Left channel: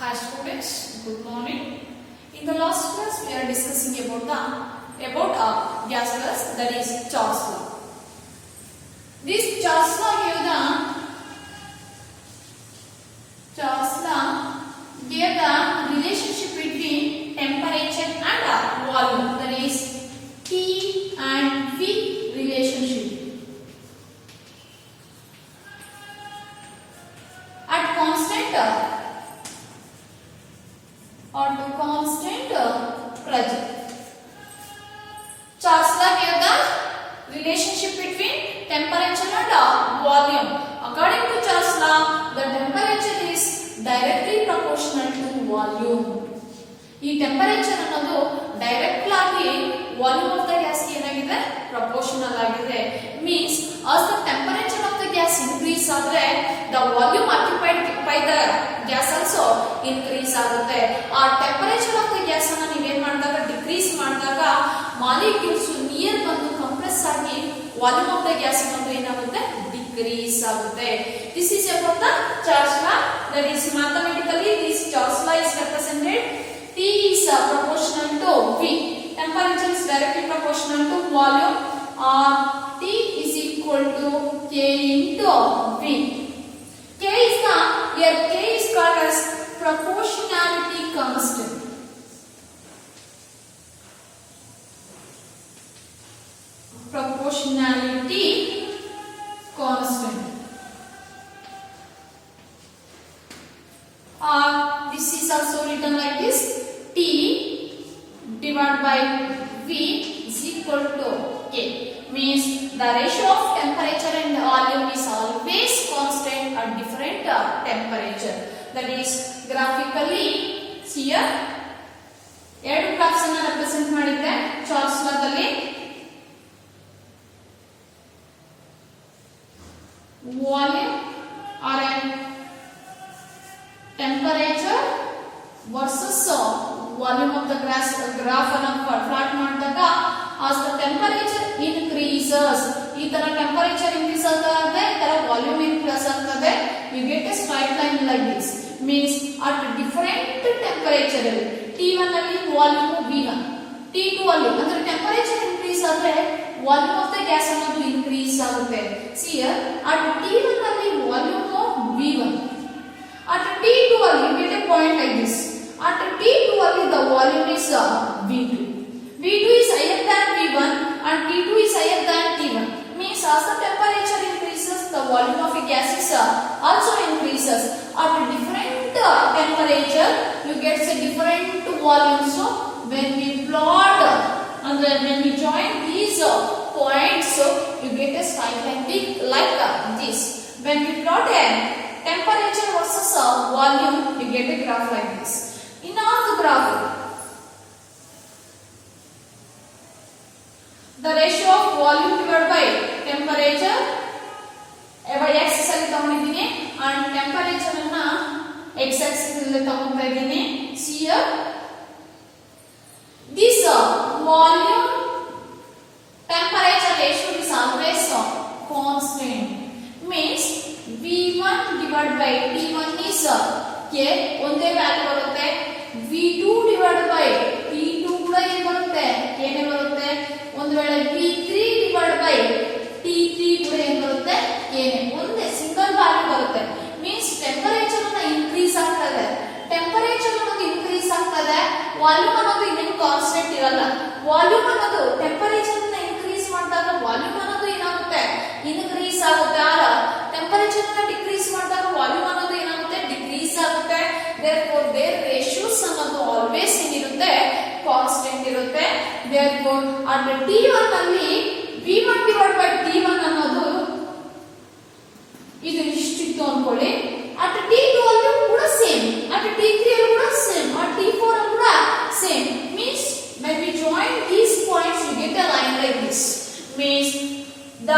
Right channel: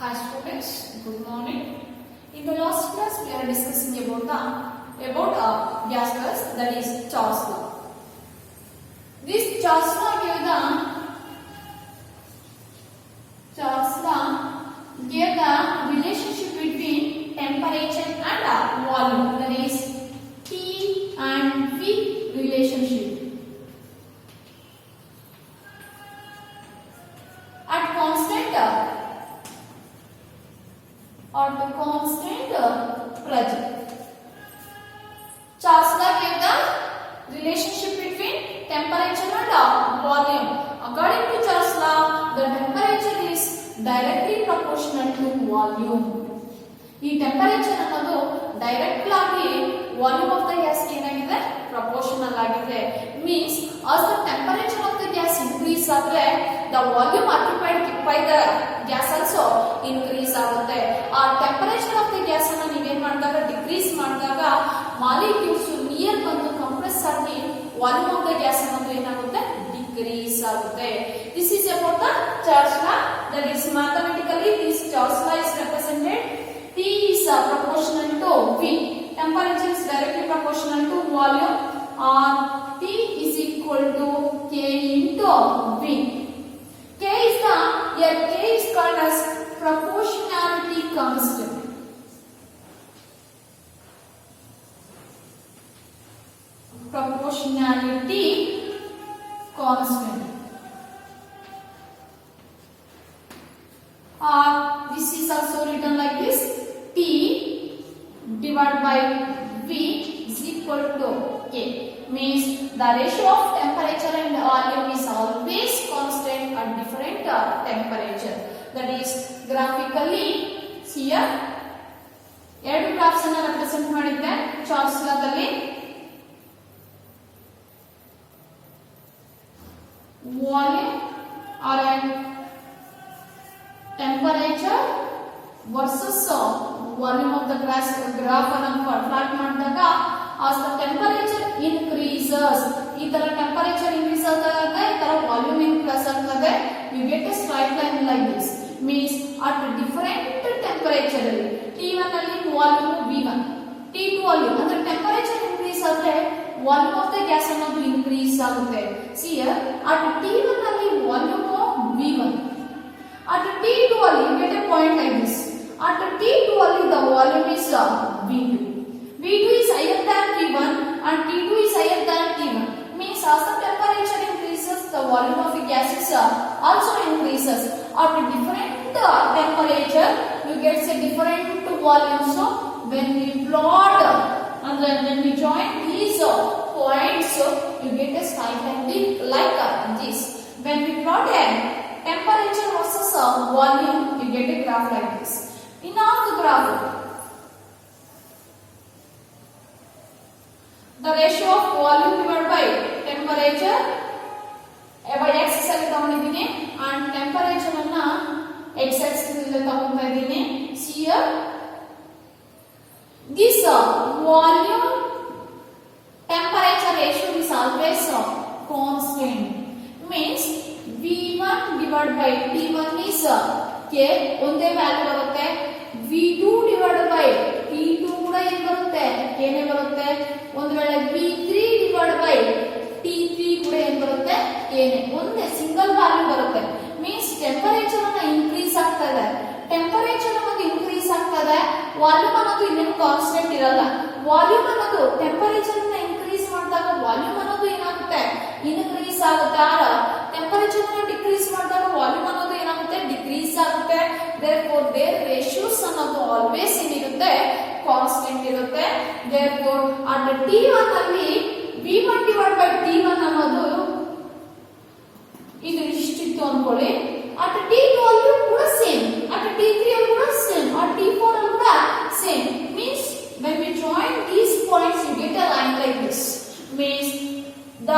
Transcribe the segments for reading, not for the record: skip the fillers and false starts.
Hi students, good morning. In the last class we are discussing about gases, that is Charles law. This Charles law gave the relationship between temperature and volume, that is T and V relationship. At constant pressure. Charles law gave the relationship between temperature and volume. According to Charles law, the temperature is directly proportional to volume. ಈ temperature ಅನ್ನೋದು direct ಆಗಿ volume of the gas ಏನಾಗಿದೆ proportional ಆಗಿದೆ. Means as the temperature of the gas increase ಆದ್ರೆ the volume occupied by the gas also increase ಆಗುತ್ತೆ. ಆ temperature of the gas ಅನ್ನು ನೀವು ಏನು ಮಾಡಿದಾಗ ಡಿಕ್ರೀಸ್ ಮಾಡಿದಾಗ ಮಾಲಿಕ್ಯೂಲ್ಸ್ ನಿಯರ್ ಬಂದು ಕಂಪ್ರೆಸ್ ಆಗಿ ವಾಲ್ಯೂಮ್ ಆಫ್ ದ ಗ್ಯಾಸ್ ಅನ್ನೋದು ಏನಾಗುತ್ತೆ ಡಿಕ್ರೀಸ್ ಆಗುತ್ತೆ. This is about the Charles law. That is mathematically this Charles law is represented. T is proportional to V. Temperature is directly proportional to volume, or T is equal to K into V. K is called as proportionality constant. Proportionality constant. This is also written like this: T divided by V is equal to K. Means the ratio of temperature and volume is always constant at different temperature. That is graphically here ಎರಡು graphs ಅನ್ನು represent ಮಾಡಿದ್ರೆ Charles ಲಾದಲ್ಲಿ volume or temperature versus volume of the graph ಅನ್ನು plot ಮಾಡಿದಾಗ as the temperature increases ಈ ತರ temperature increase ಆಗ್ತದೆ ಈ ತರ ವಾಲ್ಯೂಮ್ ಇನ್ಕ್ರೀಸ್ ಆಗ್ತದೆ you get a straight line like this. Means at different temperature ಅಲ್ಲಿ T1 ಅಲ್ಲಿ ವಾಲ್ಯೂಮ್ V1 T2 ಅಲ್ಲಿ ಅಂದ್ರೆ ಟೆಂಪರೇಚರ್ ಇನ್ಕ್ರೀಸ್ ಆದ್ರೆ ವಾಲ್ಯೂಮ್ ಆಫ್ ದ ಗ್ಯಾಸ್ ಅನ್ನೋದು ಇನ್ಕ್ರೀಸ್ ಆಗುತ್ತೆ. See here at T1 ಅಲ್ಲಿ ವಾಲ್ಯೂಮ್ V1, at T2 ಅಲ್ಲಿ you get a point like this. At T2 ಅಲ್ಲಿ the volume is V2. V2 is higher than V1 and T2 is higher than T1. Means as the temperature increases, the volume of a gas is also increases. At different temperature, you get a different volume. So when we plot and then when we join these points, you get a straight line like this. When we plot a temperature versus volume, you get a graph like this. In all the graph, the ratio of volume divided by temperature by x ಅಲ್ಲಿ ತಗೊಂಡಿದ್ದೀನಿ and temperature ಅನ್ನ x axis ಅಲ್ಲಿ ತಗೊಂತಾ ಇದ್ದೀನಿ. See here this volume temperature ratio is always constant. Means V1 divided by T1 is K ಒಂದೇ value ಬರುತ್ತೆ. V2 divided by T2 ಕೂಡ ಏನು ಬರುತ್ತೆ K ನೇ ಬರುತ್ತೆ. ಒಂದು ವೇಳೆ V3 divided by T3 ಕೂಡ ಏನು ಬರುತ್ತೆ K ನೇ ಒಂದೇ ಸಿಂಗಲ್ ವ್ಯಾಲ್ಯೂ ಬರುತ್ತೆ. ಮೀನ್ಸ್ ಟೆಂಪರೇಚರ್ ಅನ್ನ ಇನ್ಕ್ರೀಸ್ ಆಗ್ತದೆ. ಟೆಂಪರೇಚರ್ ಅನ್ನೋದು ಇನ್ಕ್ರೀಸ್ ಆಗ್ತದೆ, ವಾಲ್ಯೂಮ್ ಅನ್ನೋದು ಇನ್ನೇನು ಕಾನ್ಸ್ಟೆಂಟ್ ಇರಲ್ಲ. ವಾಲ್ಯೂಮ್ ಅನ್ನೋದು ಟೆಂಪರೇಚರ್ ಅನ್ನ ಇನ್ಕ್ರೀಸ್ ಮಾಡಿದಾಗ ವಾಲ್ಯೂಮ್ ಅನ್ನೋದು ಏನಾಗುತ್ತೆ ಇನ್ಕ್ರೀಸ್ ಆಗುತ್ತೆ. ಆರ ಟೆಂಪರೇಚರ್ ಅನ್ನ ಡಿಕ್ರೀಸ್ ಮಾಡಿದಾಗ ವಾಲ್ಯೂಮ್ ಅನ್ನೋದು ಏನಾಗುತ್ತೆ ಡಿಕ್ರೀಸ್ ಆಗುತ್ತೆ. therefore their ratios ಅನ್ನೋದು ಆಲ್ವೇಸ್ ಏನಿರುತ್ತೆ ಕಾನ್ಸ್ಟೆಂಟ್ ಇರುತ್ತೆ. therefore at T1 ಅಲ್ಲಿ V1 divided by T1 ಅನ್ನೋದು ಇದು ಇಷ್ಟಿತ್ತು ಅನ್ಕೊಳ್ಳಿ. at T2 ಅಲ್ಲಿ ಕೂಡ ಸೇಮ್, at T3 ಅಲ್ಲಿ ಕೂಡ ಸೇಮ್, at T4 ಅಲ್ಲಿ ಕೂಡ same. means when we join these points you get a line like this. means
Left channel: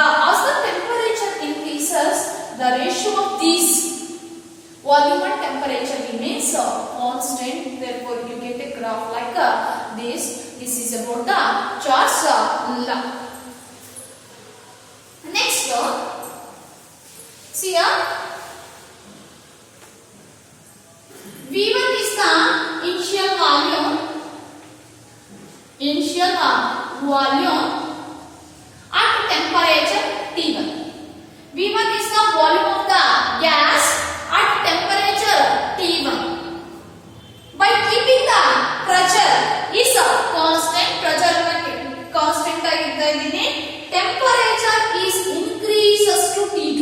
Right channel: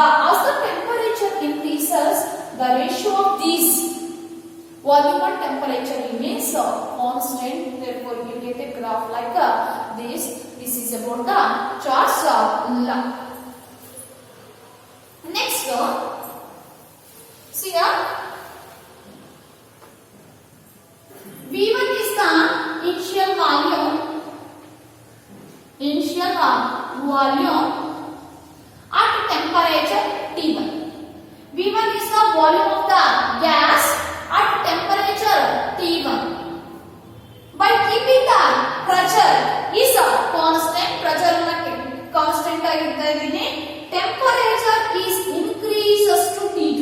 as the temperature increases, the ratio of these volume and temperature remains constant. therefore you get a graph like this. This is about the Charles law. Next see here V1 is volume at temperature T1. V1 is the volume of the gas at temperature T1. By keeping the pressure is a constant, pressure constant ಆಗಿರ್ತಾ ಇದೀನಿ, temperature is increases to T2.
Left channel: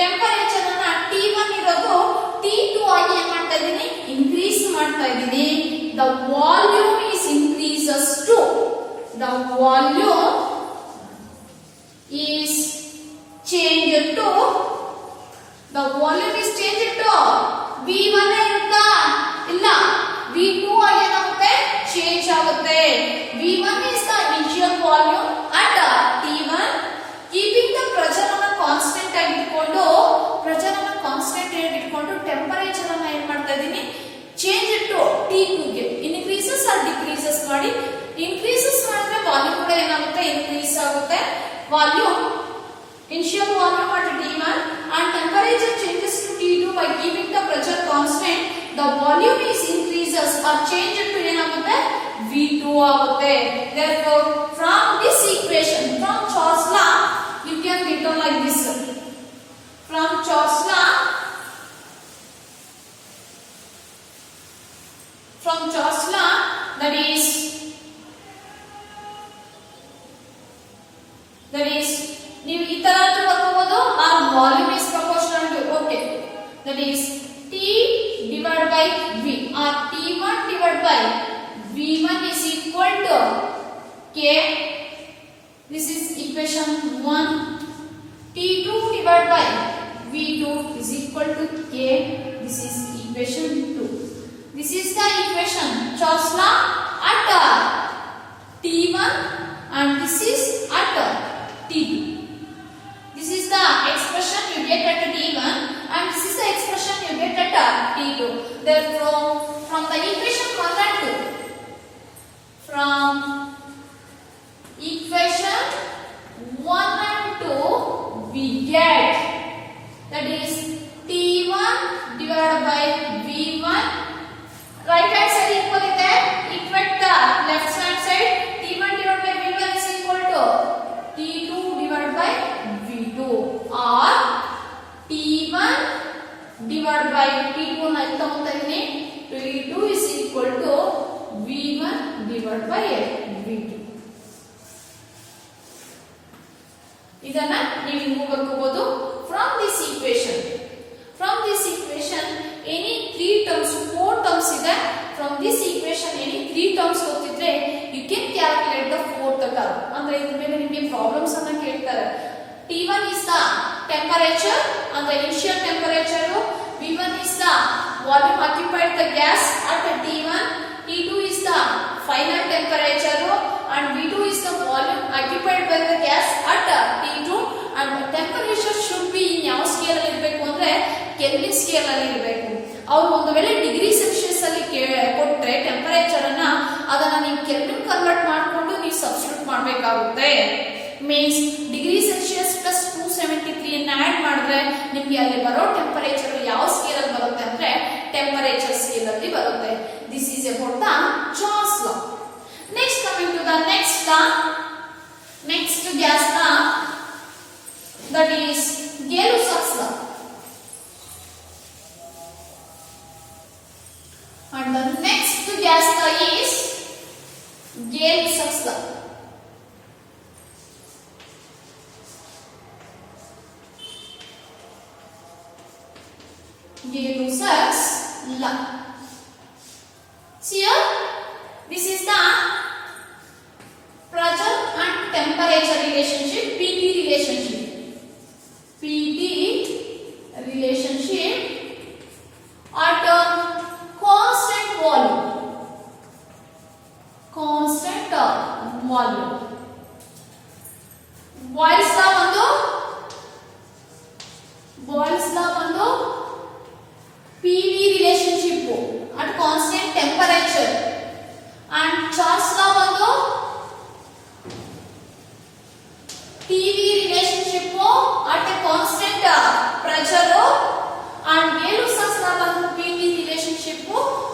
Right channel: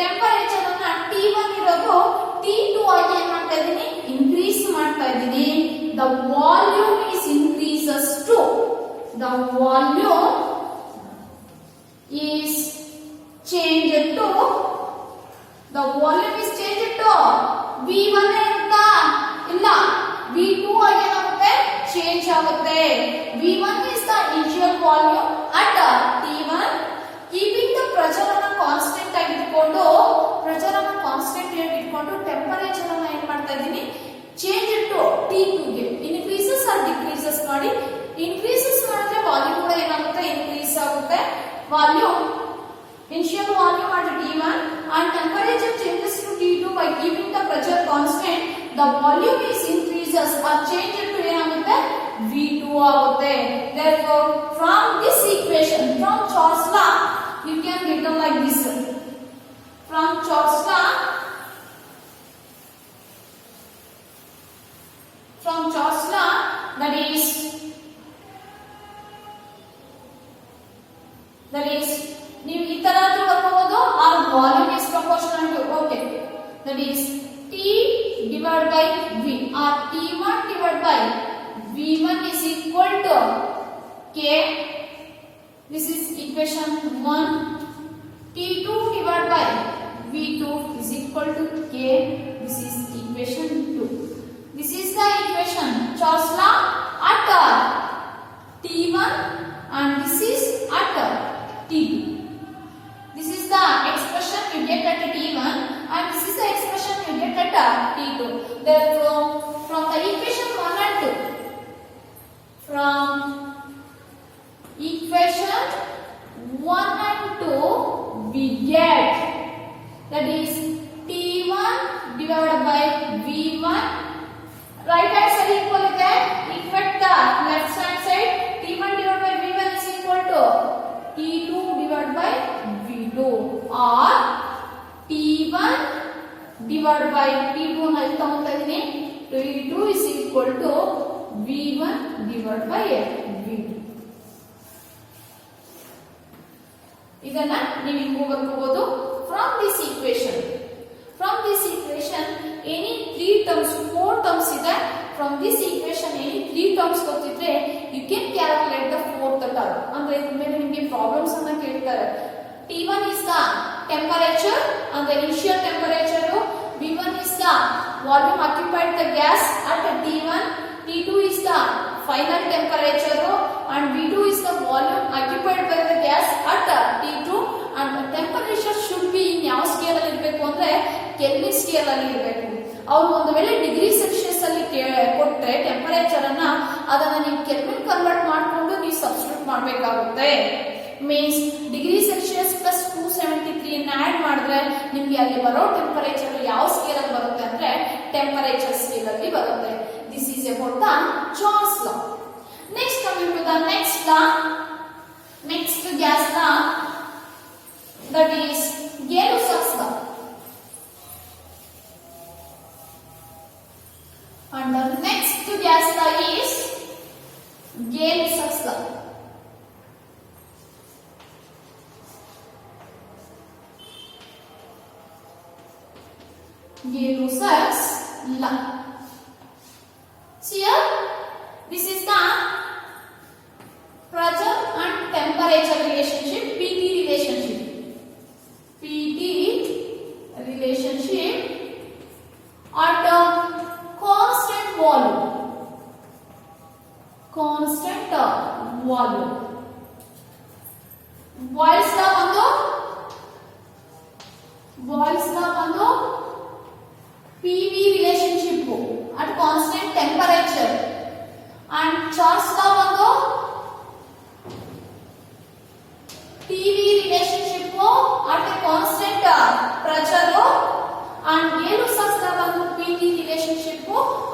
temperature ಅನ್ನ T1 ಇರೋದು T2 ಆಗಿ ಏನು ಮಾಡ್ತಾ ಇದೀನಿ, increase ಮಾಡ್ತಾ ಇದೀನಿ. The volume is increases to, the volume is changed to, the volume is changed to V1 ಇರುತ್ತಾ, ಇಲ್ಲ V2 ಆಗಿ ಏನಾಗುತ್ತೆ, ಚೇಂಜ್ ಆಗುತ್ತೆ. V1 is the initial volume at T1. Keeping the pressure ಅನ್ನು ಕಾನ್ಸ್ಟೆಂಟ್ ಆಗಿ ಇಟ್ಕೊಂಡು, pressure ಅನ್ನು ಕಾನ್ಸ್ಟೆಂಟ್ ಆಗಿ ಇಟ್ಕೊಂಡು ಟೆಂಪರೇಚರ್ ಅನ್ನು ಏನು ಮಾಡ್ತಾ ಇದೀನಿ, ಚೇಂಜ್ ಟು T2 ಗೆ. ಇನ್ಕ್ರೀಸಸ್ ಆರ್ ಡಿಕ್ರೀಸಸ್ ಮಾಡಿ, ಇನ್ಕ್ರೀಸಸ್ ಮಾಡಿದ್ರೆ ವಾಲ್ಯೂಮ್ ಕೂಡ ಏನಾಗುತ್ತೆ, ಇನ್ಕ್ರೀಸ್ ಆಗುತ್ತೆ. Volume initial volume at T1 and temperature changes to T2 by keeping the pressure constant. The volume is increases or changes to ಏನಾಗುತ್ತೆ, V2 ಆಗುತ್ತೆ. Therefore, from this equation, from Charles law, you can written like this. From Charles law, from Charles law, that is ನೀವು ಈ ತರ ಬರ್ಕೋಬಹುದು. Our volume is proportional to, okay, that is T divided by V, or T1 divided by V1 is equal to K. This is equation 1. T2 divided by V2 is equal to K. This is equation 2. This is the equation Charles law at T1 and this is at T2. This is the expression you get at T1 and this is the expression you get at T2. Therefore, from the equation 1 and 2, from equation 1 and 2, we get, that is T1 divided by V1. Right hand side equal ಇದೆ, equate the left hand side. T1 divided by V1 is equal to T2 divided by V2, or T1 divided by T2 ನ ಇಲ್ಲಿ ತಗೊಂತಾ ಇದೀನಿ, T2 is equal to V1 divided by V2. ಇದನ್ನ ನೀವು ಹಿಂಗೂ ಬರ್ಕೋಬಹುದು. From this equation, any 3 terms, 4 terms ಇದೆ. From this equation any 3 terms ಗೊತ್ತಿದ್ರೆ you can calculate the fourth term. ಅಂದ್ರೆ ಇದ್ರ ಮೇಲೆ ನಿಮಗೆ ಪ್ರಾಬ್ಲಮ್ಸ್ ಅನ್ನ ಕೇಳ್ತಾರೆ. T1 is the temperature, ಅಂದ್ರೆ initial temperature. V1 is the volume occupied the gas at T1. T2 is the final temperature and V2 is the volume occupied by the gas at T2. and temperature should be in ಯಾವ scale ಅಲ್ಲಿ ಇರಬೇಕು ಅಂದ್ರೆ kelvin scale ಅಲ್ಲಿ ಇರಬೇಕು. ಅವರು ಒಂದು ವೇಳೆ degree Celsius ಅಲ್ಲಿ ಕೊಟ್ರೆ ಟೆಂಪರೇಚರ್ ಅನ್ನ, ಅದನ್ನ ನೀವು ಕೆಲ್ವಿನ್ ಕನ್ವರ್ಟ್ ಮಾಡಿಕೊಂಡು ನೀವು ಸಬ್ಸ್ಟಿಟ್ಯೂಟ್ ಮಾಡಬೇಕಾಗುತ್ತೆ. ಮೀನ್ಸ್ ಡಿಗ್ರಿ ಸೆಲ್ಸಿಯಸ್ ಪ್ಲಸ್ 273 ಅನ್ನ ಆಡ್ ಮಾಡಿದ್ರೆ ನಿಮ್ಗೆ ಅಲ್ಲಿ ಬರೋ ಟೆಂಪರೇಚರ್ ಯಾವ ಸ್ಕೇಲ್ ಅಲ್ಲಿ ಬರುತ್ತೆ ಅಂದ್ರೆ ಟೆಂಪರೇಚರ್ ಸ್ಕೇಲ್ ಅಲ್ಲಿ ಬರುತ್ತೆ. This is about the John's law. Next coming to the next law, next gas law, that is Gay-Lussac's law. And the next gas law is Gay-Lussac's law. Gay-Lussac's law. See here, this is the pressure and temperature relationship, PT relationship. At constant volume. Boyle's law ಬಂದು PV relationship at constant temperature, and Charles law ಬಂದು PV relationship at a constant pressure, and Gay-Lussac's law ಬಂದು PV relationship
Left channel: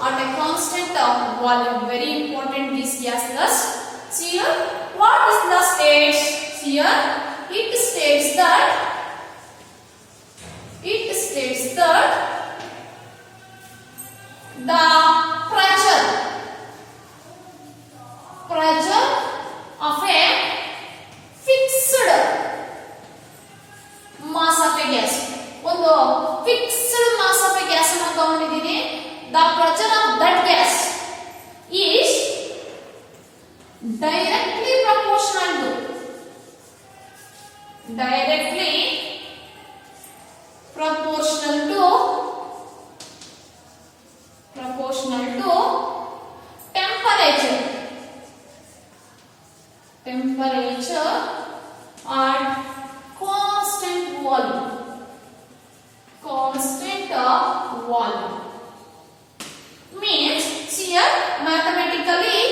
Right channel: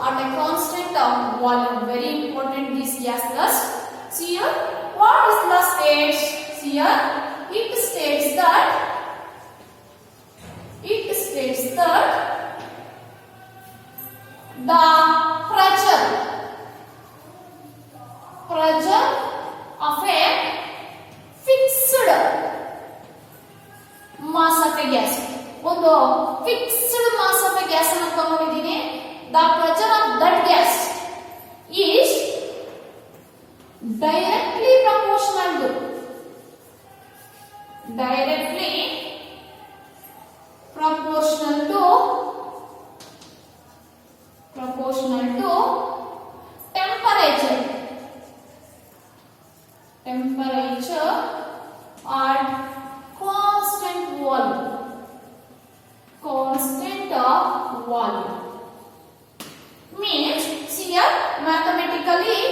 at a constant volume. Very important these gas laws. See here, what what is the states here? It states that the pressure of a fixed mass of a gas. ಒಂದು fixed mass of a gas ಅನ್ನು ತಗೊಂಡಿದ್ದೀನಿ. The pressure of that gas is directly proportional to temperature at constant volume. Means here mathematically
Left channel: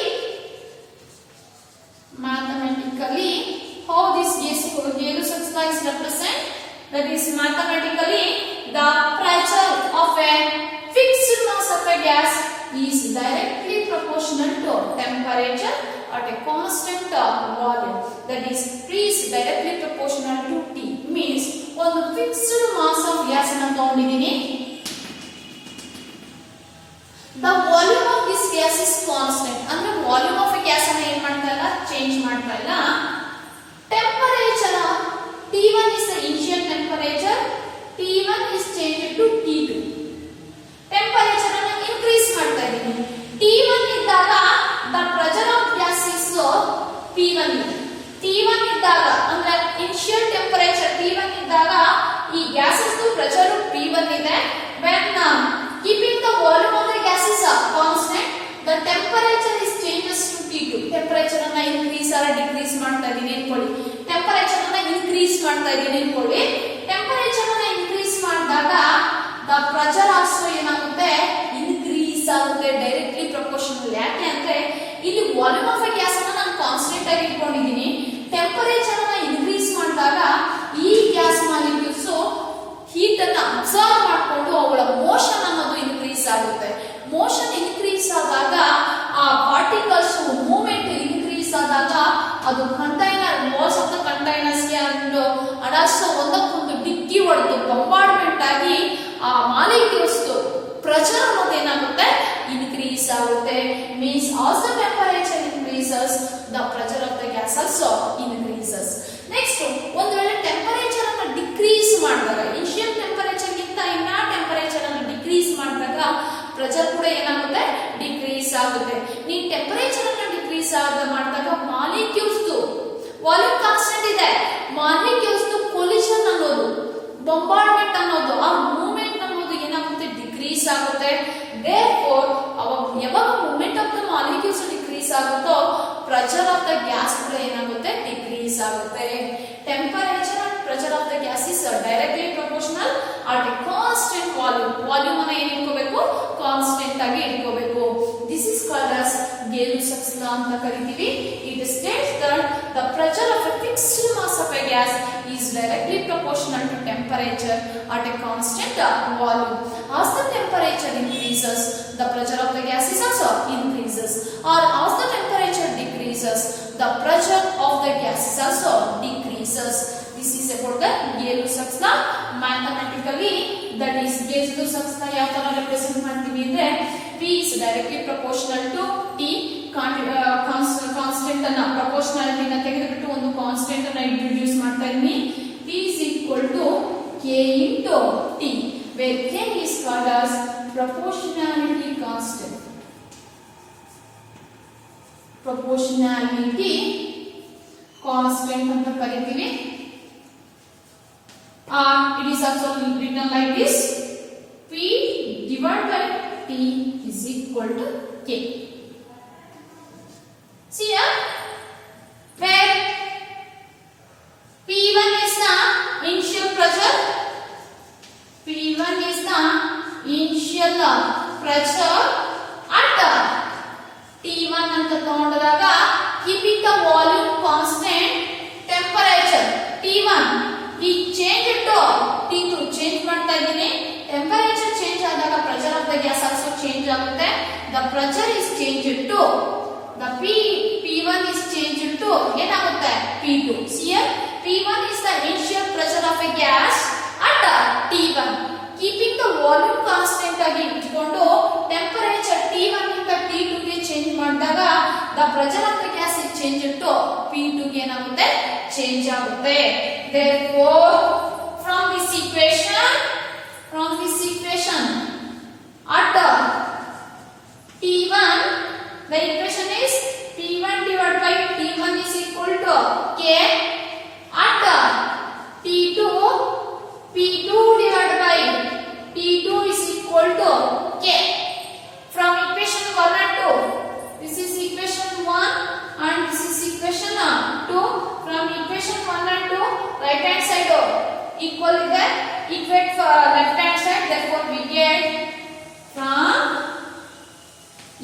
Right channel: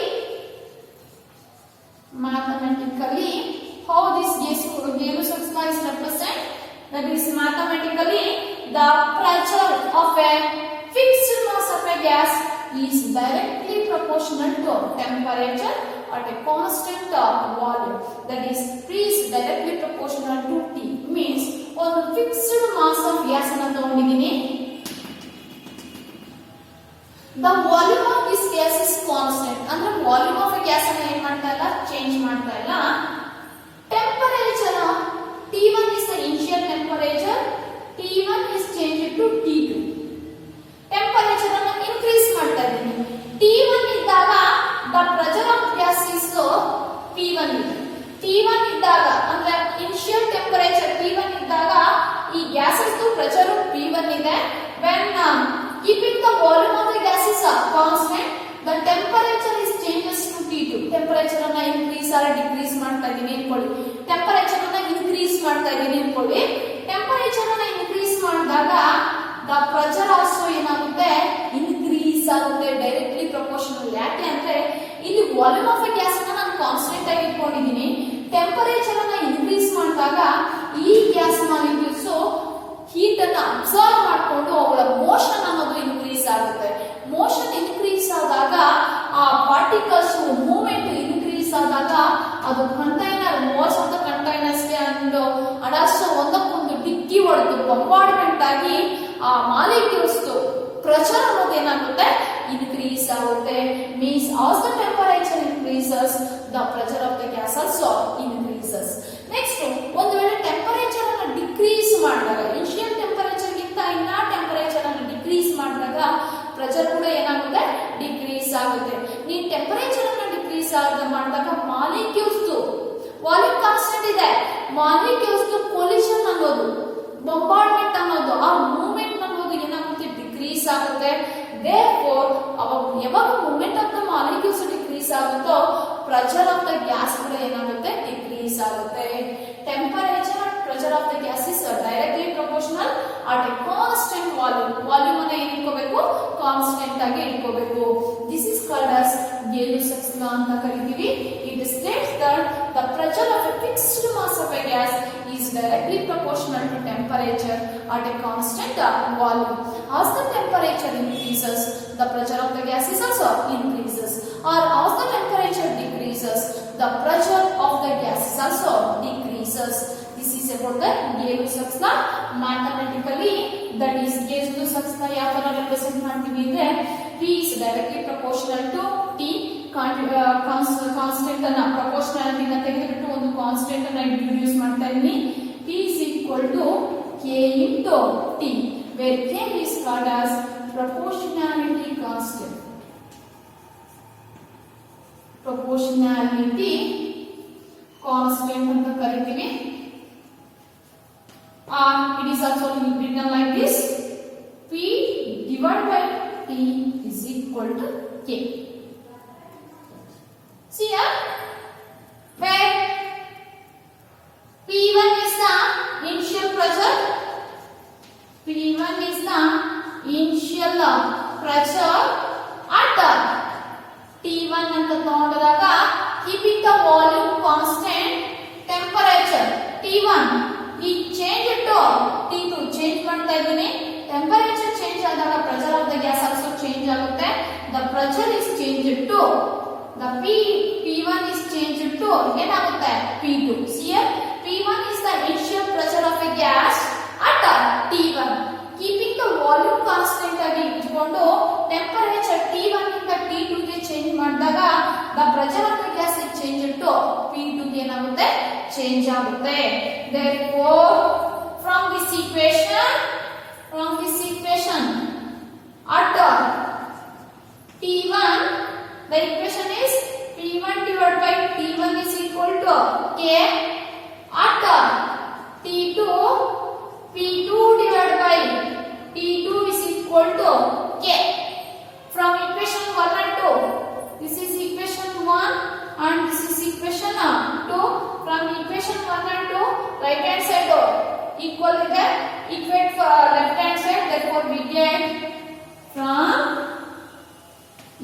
how this Gay-Lussac law is represent, that is mathematically the pressure of a fixed mass of a gas is directly proportional to temperature at a constant volume, that is directly proportional to T. Means ಒಂದು fixed mass of gas ಅನ್ನು ತಗೊಂಡಿದ್ದೀನಿ. The volume of this gas is constant. ಅಂದ್ರೆ volume of a gas ಅನ್ನು ಏನು ಮಾಡ್ತಾ ಇಲ್ಲ, change ಮಾಡ್ತಾ ಇಲ್ಲ. Temperature T1 is the initial temperature. T1 is changed to T2. Temperature ಅನ್ನು increase ಮಾಡ್ತಾ ಇದ್ದೀನಿ. T1 ಇದ್ದಾಗ the pressure of gas is P1. T1 ಇದ್ದಾಗ ಅಂದ್ರೆ initial temperature T1 ಇದ್ದಾಗ ಈ gases pressure P1 ಇದೆ. When keeping the volume of the gas is constant, the temperature is changes to T2. Temperature ಅನ್ನು increase or decrease ಮಾಡ್ತಾ ಇದ್ದೀನಿ ಅನ್ಕೊಳ್ಳಿ. Temperature ಅನ್ನು increase ಮಾಡ್ತಾ ಇದ್ದೀನಿ ಅನ್ಕೊಳ್ಳಿ. Temperature ಅನ್ನು increase ಮಾಡಿದಾಗ the pressure also ಏನಾಗುತ್ತೆ, increase ಆಗುತ್ತೆ, directly proportional. ಯಾಕೆ ಅಂದ್ರೆ ಇಲ್ಲಿ ವಾಲ್ಯೂಮ್ ಆಫ್ ಎ ಗ್ಯಾಸ್ ಅನ್ನು ನಾನು ಕಾನ್ಸ್ಟೆಂಟ್ ಆಗಿ ಇಟ್ಕೊಂಡಿದ್ದೀನಿ. ಟೆಂಪರೇಚರ್ ಅನ್ನು ಇನ್ಕ್ರೀಸ್ ಮಾಡಿದಾಗ ಈ ಗ್ಯಾಸ್ ಮಾಲಿಕ್ಯೂಲ್ಸ್ ಹೀಟ್ ಅನ್ನು ಅಬ್ಸಾರ್ಬ್ ಮಾಡಿಕೊಂಡು ಅವುಗಳ ಮೋಷನ್ ಅನ್ನೋದು ಇನ್ಕ್ರೀಸ್ ಆಗುತ್ತೆ. ಮೋಷನ್ ಇನ್ಕ್ರೀಸ್ ಆದಾಗ ಆ ಪಾರ್ಟಿಕಲ್ಸ್ ಮೂವ್ಮೆಂಟ್ ಇನ್ಕ್ರೀಸ್ ಆದಾಗ ಅದು container walls of the containers ಗೆ ಅಡಾಸೋ ಒಂದಕ್ಕೊಂದು ಡಿಕ್ಕಿ ಹೊಡೆದು ಬಂಬಾರ್ಡ್ಮೆಂಟ್ ಆಗಿ ಆ ಮಾಲಿಕ್ಯೂಲ್ಸ್ ಪ್ರೆಷರ್ ಅನ್ನೋದು ಏನಾಗುತ್ತೆ, ಇನ್ಕ್ರೀಸ್ ಆಗುತ್ತೆ. Means as the temperature increases the pressure of the gas also increases. Next ಒಂದು ವೇಳೆ ಟೆಂಪರೇಚರ್ ಅನ್ನು ಡಿಕ್ರೀಸ್ ಮಾಡಿದಾಗ, ಇನಿಷಿಯಲ್ ಟೆಂಪರೇಚರ್ ಗಿಂತ ಇನ್ನ ಟೆಂಪರೇಚರ್ ಅನ್ನು ಡಿಕ್ರೀಸ್ ಮಾಡಿದಾಗ ಪ್ರೆಷರ್ ಕೂಡ ಏನಾಗುತ್ತೆ, ಡಿಕ್ರೀಸ್ ಆಗುತ್ತೆ. ನೀವು ಟೆಂಪರೇಚರ್ ಅನ್ನು ಡಿಕ್ರೀಸ್ ಮಾಡಿದಾಗ ಮಾಲಿಕ್ಯೂಲ್ಸ್ ವಾಲ್ಯೂಮ್ ಕಾನ್ಸ್ಟೆಂಟ್ ಇದೆ, ಮಾಲಿಕ್ಯೂಲ್ಸ್ ಕೊಲಿಷನ್ ಅನ್ನೋದು, ಬಂಬಾರ್ಡ್ಮೆಂಟ್ ಅನ್ನೋದು, ಆ ಮೂವ್ಮೆಂಟ್ ಅನ್ನೋದು ಏನಾಗುತ್ತೆ, ಡಿಕ್ರೀಸ್ ಆಗುತ್ತೆ. Therefore, ಯಾವಾಗ movement of the molecules decrease ಆಗುತ್ತೋ ಪ್ರೆಷರ್ ಆಫ್ ದ ಗ್ಯಾಸ್ ಕೂಡ ಏನಾಗುತ್ತೆ, ಡಿಕ್ರೀಸ್ ಆಗುತ್ತೆ. Temperature and pressure of the gas is directly proportional at A constant volume. Volume ಅನ್ನು ಏನು ಇಟ್ಕೋಬೇಕು, ಕಾನ್ಸ್ಟೆಂಟ್ ಆಗಿ ಇಟ್ಕೋಬೇಕು. This is called as Gay-Lussac law ಅಂತ ಕರಿತೀವಿ. It states that the pressure of a fixed mass of a gas is directly proportional to temperature at a constant volume. As the temperature increases, the pressure of the gas is also increases. Or as the temperature decreases, the pressure of the gas is also decreases. This is about the Gay-Lussac law. Mathematically, that is Gay-Lussac law ಯಾವ ತರ represent ಮಾಡ್ತೀವಿ ಅಂದ್ರೆ P is directly proportional to T. Constant ಅನ್ನ proportionality ನ ತೆಗೆದುಬಿಟ್ಟು ಒಂದು constant ಅನ್ನ introduce ಮಾಡ್ತಾ ಇದ್ದೀನಿ. P is equal to K into T, where K is called as proportionality constant. Proportionality constant ಅಂತ ಕರಿತೀವಿ. It is also written like this: P divided by T is equal to K. See here, where P1 is the initial pressure, P1 is the initial pressure at T1 ಅಂತ ತಗೊಂಡಾಗ keeping the volume constant, temperature T1 ಈ change to T2 change ಮಾಡ್ತಾ ಇದ್ದೀನಿ. temperature change ಆದಾಗ pressure of the gas also change ಆಗುತ್ತೆ. The pressure is changed to the P1 is changed to ಏನಾಗುತ್ತೆ P2. See here, P1 is the initial pressure of a gas at T1. Keeping the volume constant ಆಗಿ ಇಟ್ಕೊಂಡು temperature T1 ಇಂದ T2 ಗೆ change ಮಾಡಿದಾಗ the pressure of the gas is changed to P2 ಗೆ ಏನಾಗುತ್ತೆ change ಆಗುತ್ತೆ. Therefore from this equation at T1 the equation is P1 divided by T1 is equal to K. At T2 P2 divided by T2 is equal to K. From equation 1 and 2, this is equation 1 and this is equation 2. From equation 1 and 2, right hand side equal here, equate for left hand side. Therefore we get from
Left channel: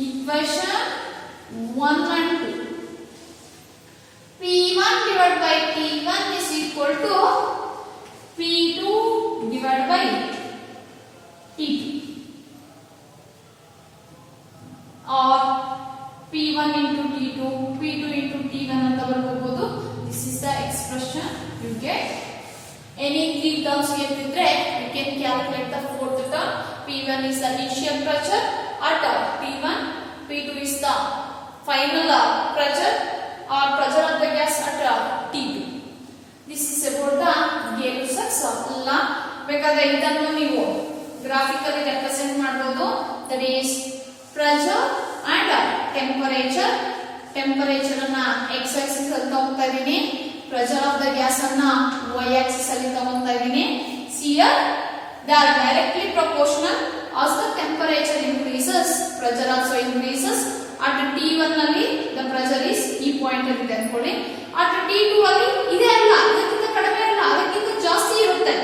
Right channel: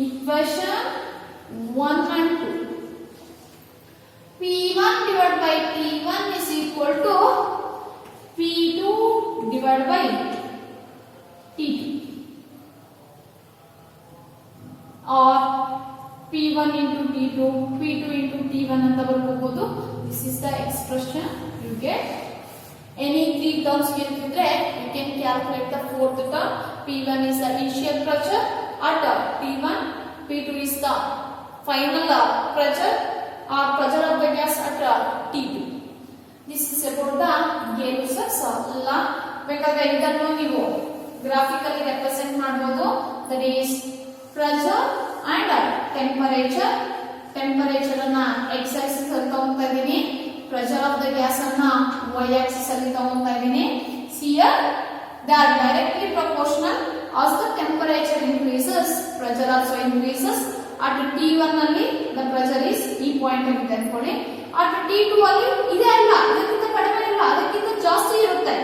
equation 1 and 2, P1 divided by T1 is equal to P2 divided by T2 or P1 into T2, P2 into T1 ಅಂತ ಬರ್ಕೋಬಹುದು. This is the expression you get. Any three terms ಇದ್ದರೆ you can calculate the fourth term. P1 is the initial pressure at T1, P2 is the final pressure or pressure of the gas at T2. This is about the Gay-Lussac's law. ಬೇಕಾದ್ರೆ ಇದನ್ನು ನೀವು graphically represent ಮಾಡಬಹುದು. That is pressure and temperature. Temperature ಅನ್ನ x axis ಅಲ್ಲಿ ತಗೊಂತಾ ಇದೀನಿ, pressure of the gas ಅನ್ನ y axis ಅಲ್ಲಿ ತಗೊಂತಾ ಇದೀನಿ. See here, they are directly proportional. As the temperature increases, pressure also increases. At T1 ನಲ್ಲಿ the pressure is ಈ point ಅಲ್ಲಿ ಇದೆ ಅನ್ಕೊಳ್ಳಿ. At T2 ಅಲ್ಲಿ ಇದೆ ಅಲ್ಲ, ಅದಕ್ಕಿಂತ ಕಡಿಮೆ ಅಲ್ಲ, ಅದಕ್ಕಿಂತ ಜಾಸ್ತಿ ಇರುತ್ತೆ.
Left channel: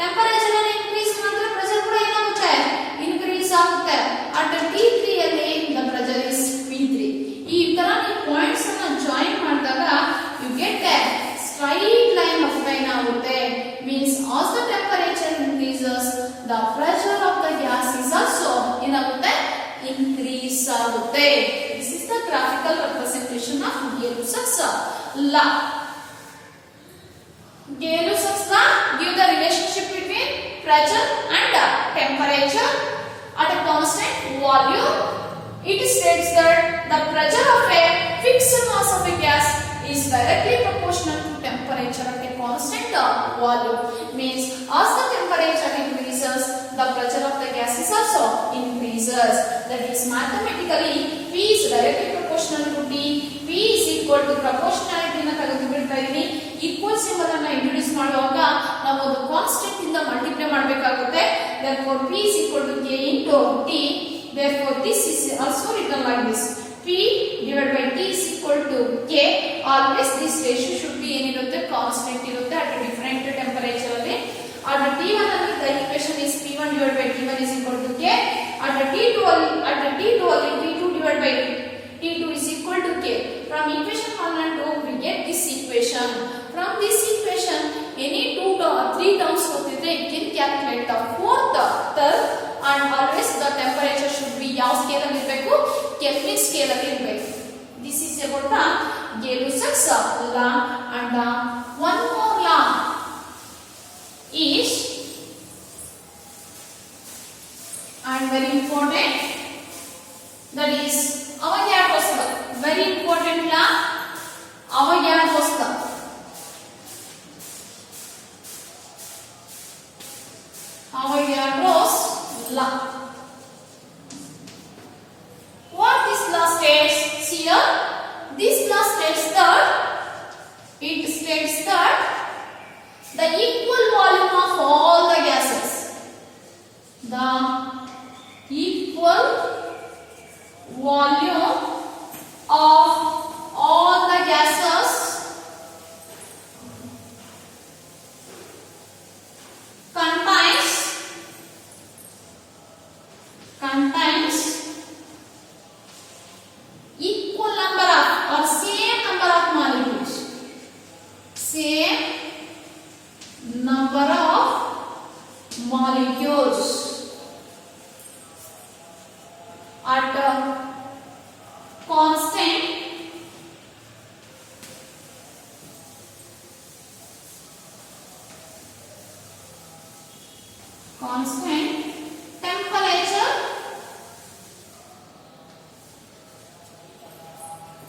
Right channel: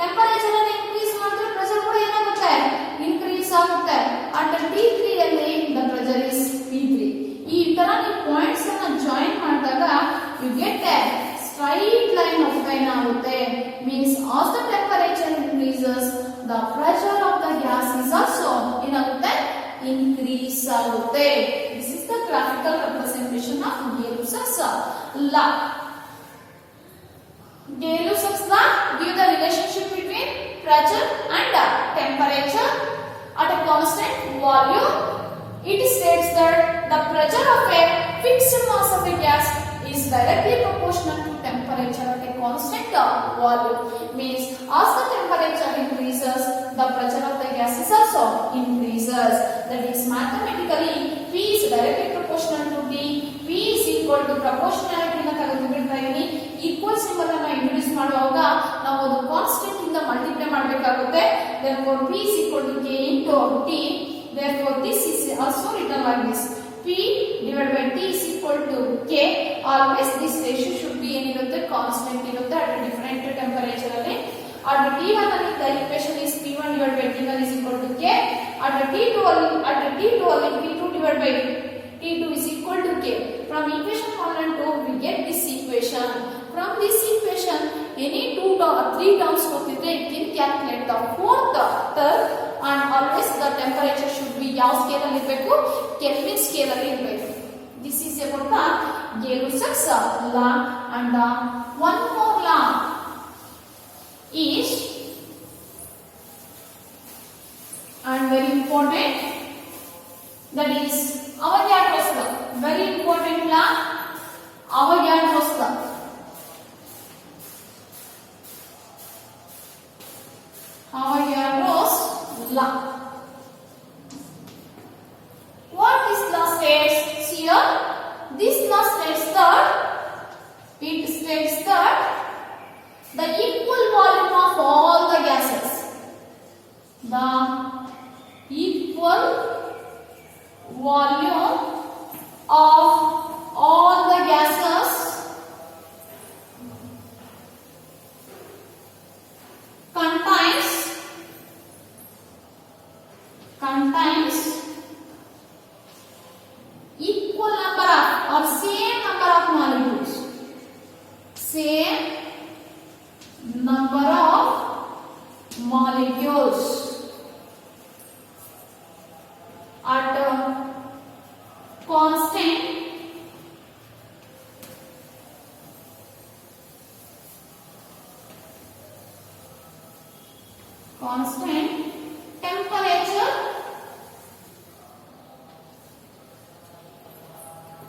ಟೆಂಪರೇಚರ್ ಅನ್ನು ಇನ್ಕ್ರೀಸ್ ಮಾಡಿದ್ರೆ ಪ್ರೆಷರ್ ಕೂಡ ಏನಾಗುತ್ತೆ ಇನ್ಕ್ರೀಸ್ ಆಗುತ್ತೆ. At T3 ಅಲ್ಲಿ the pressure is P3. ಈ ತರ ನೀವು ಪಾಯಿಂಟ್ಸ್ ಅನ್ನು ಜಾಯಿನ್ ಮಾಡಿದಾಗ you get a straight line of line ಆಗುತ್ತೆ. Means as the temperature increases, the pressure of the gas is also ಏನಾಗುತ್ತೆ increase ಆಗುತ್ತೆ. This is the graphical representation of Gay-Lussac's law. Gay-Lussac's law give the relationship between pressure and temperature at a constant volume. It states that the pressure of a fixed mass of a gas is directly proportional to temperature at a constant volume. Means as the temperature increases, the pressure of the gas is also increases. That is mathematically P is directly proportional to T. P is equal to proportionality na ತೆಗೆದುಬಿಡ್ತಾ ಇದೀನಿ. Equal symbol ಅನ್ನು introduce ಮಾಡುವಾಗ ನಾವು ಒಂದು constant ಇಂದ multiply ಮಾಡಬೇಕಾಗುತ್ತೆ. Therefore P is equal to K into T. Therefore this is also written like this. P divided by T is equal to K. Always this ratio should be ಏನಿರುತ್ತೆ constant ಇರುತ್ತೆ at a different temperature ಅಲ್ಲಿ. At T1 ಅಲ್ಲಿ the equation is P1 divided by T1 is equal to K. At T2 ಅಲ್ಲಿ P2 divided by T2 is equal to K. From equation 1 and 2 we get this equation. From this equation any 3 terms ಗೊತ್ತಿದ್ರೆ you can calculate the fourth term. And always the temperature should be ಯಾವ scale ಅಲ್ಲಿ ಇರಬೇಕು kelvin scale ಅಲ್ಲಿ ಇರಬೇಕು. This is about the Gay-Lussac's law. And one more law is and very important, that is Avogadro's law. Very important law, Avogadro's law. Avogadro's law. What this law states? See here, this law states that the equal volume of all the gases, the equal volume of all the gases contains equal number of or same number of molecules. Same number of molecules at constant constant temperature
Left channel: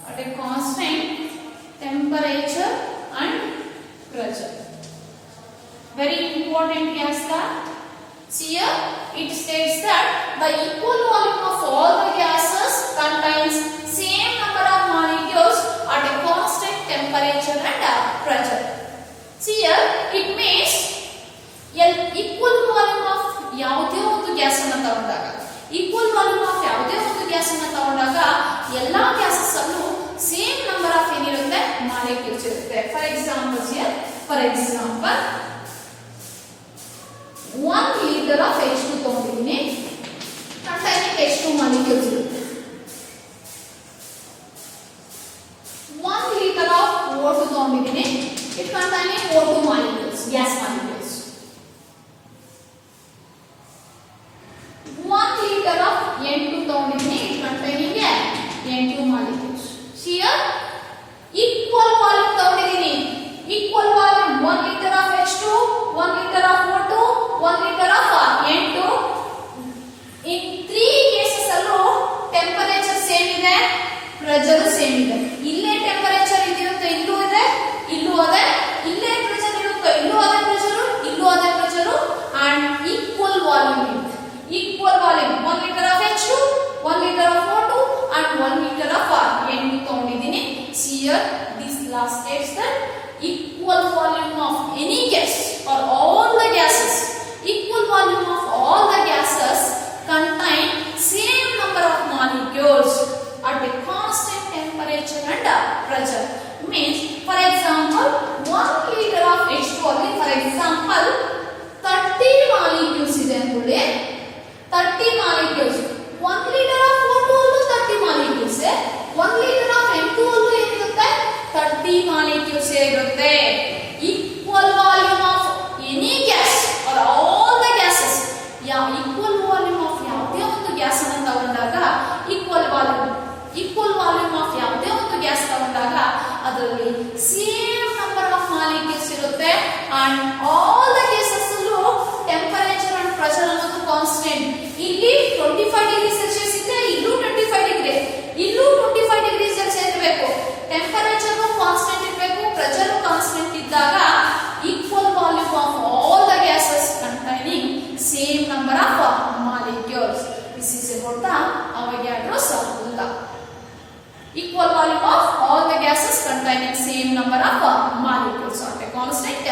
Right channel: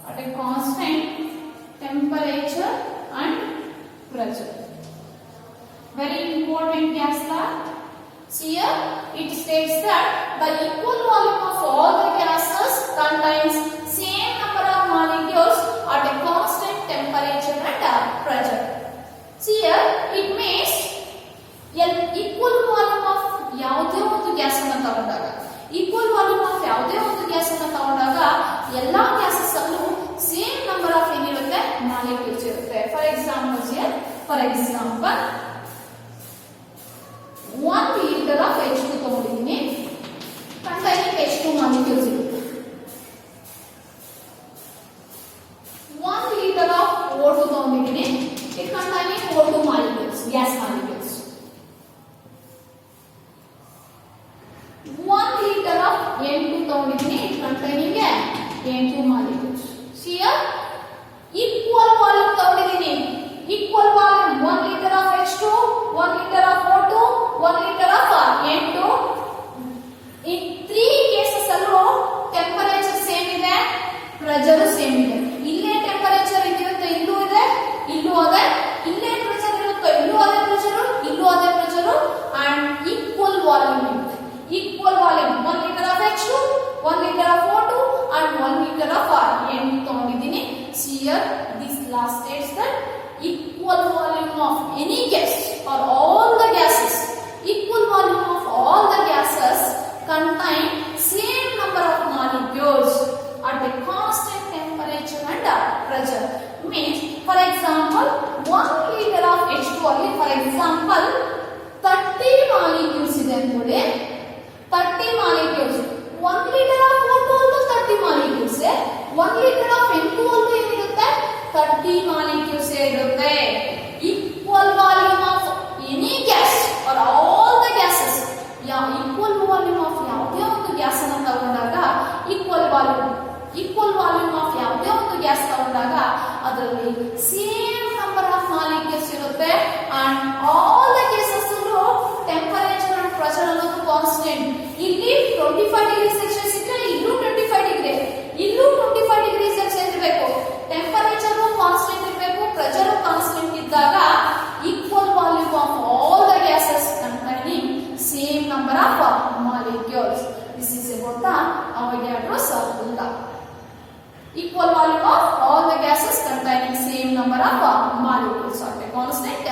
at a constant temperature and pressure. Very important gas lab. See here it states that the equal volume of all the gases contains same number of molecules at a constant temperature and pressure. See here it means equal volume of ಯಾವುದೇ ಒಂದು gas ಅನ್ನು ತಗೊಂಡಾಗ equal volume of ಯಾವುದೇ ಒಂದು gas ಅನ್ನು ತಗೊಂಡಾಗ ಎಲ್ಲಾ gases ಅಲ್ಲೂ ಸೇಮ್ ನಂಬರ್ ಆಫ್ ಏನಿರುತ್ತೆ ಮಾಲಿಕ್ಯೂಲ್ಸ್ ಇರುತ್ತೆ. For example 1 liter of H2 ತಗೊಂಡಿದ್ದೀನಿ, containing H2 molecules ಇರುತ್ತೆ. 1 liter of O2 ತಗೊಂಡಿದ್ದೀನಿ, it containing O2 molecules, gas molecules. 1 liter of N2 ತಗೊಂಡಿದ್ದೀನಿ, it containing N2 molecules. Here equal volume ತಗೊಂಡಿದ್ದೀನಿ, equal volume 1 liter of H2, 1 liter of O2, 1 liter of N2. In 3 cases ಅಲ್ಲೂ temperature same ಇದೆ, pressure same ಇದೆ. ಇಲ್ಲೇ temperature ಇದಿರುತ್ತೆ, ಇಲ್ಲೂ ಇದೆ, ಇಲ್ಲೂ ಅದೇ. ಇಲ್ಲೇ ಪ್ರೆಷರ್ ಇರುತ್ತೆ, ಇಲ್ಲೂ ಅದೇ ಪ್ರೆಷರ್, ಇಲ್ಲೂ ಅದೇ ಪ್ರೆಷರ್. ಅಂಡ್ ಈಕ್ವಲ್ ವಾಲ್ಯೂಮ್ ಇರುತ್ತೆ. Equal volume 1 liter of H2, 1 liter of O2 and 1 liter of N2 ತಗೊಂಡಿದ್ದೀನಿ. See here this last states that equal volume of any gas or all the gases, equal volume of all the gases contain same number of molecules at a constant temperature and pressure. Means for example 1 liter of H2 ಅಲ್ಲಿ for example 30 molecules ಇದೆ ಅಂದ್ಕೊಳ್ಳಿ, 30 molecules. 1 liter of O2 ಅಲ್ಲೂ 30 molecules, 1 liter of N2 ಅಲ್ಲೂ ಏನಿರುತ್ತೆ 30 molecules ಇರುತ್ತೆ. Equal volume of any gas or all the gases, equal volume of ಯಾವುದೇ ಒಂದು gas ಅನ್ನು ತಗೊಂಡಾಗ equal volume of ಯಾವುದೇ ಒಂದು ಗ್ಯಾಸ್ ತಗೊಂಡಾಗ ಅದರಲ್ಲಿ ಸೇಮ್ ನಂಬರ್ ಆಫ್ ಮಾಲಿಕ್ಯೂಲ್ಸ್ ಇರುತ್ತೆ. ಅಂಡ್ ಆಲ್ ದ ಕೇಸಸ್ ಅಲ್ಲೂ ಟೆಂಪರೇಚರ್ ಅಂಡ್ ಪ್ರೆಷರ್ ಅನ್ನೋದು ಕಾನ್ಸ್ಟೆಂಟ್. ಇಲ್ಲಿ 25 ಡಿಗ್ರಿ ಸೆಲ್ಸಿಯಸ್ ಇದ್ರೆ ಇಲ್ಲೂ 25 ಡಿಗ್ರಿ, ಇಲ್ಲೂ 25 ಡಿಗ್ರಿ ಸೆಲ್ಸಿಯಸ್ ಇರಬೇಕು. ಟೆಂಪರೇಚರ್ ಕಾನ್ಸ್ಟೆಂಟ್ ಇರಬೇಕು, ಪ್ರೆಷರ್ ಕಾನ್ಸ್ಟೆಂಟ್ ಇದ್ದಾಗ equal volume of all the gases containing same number of molecules. This is about the Avogadro's formula. Equal volume of all the gases containing same number of molecules at a constant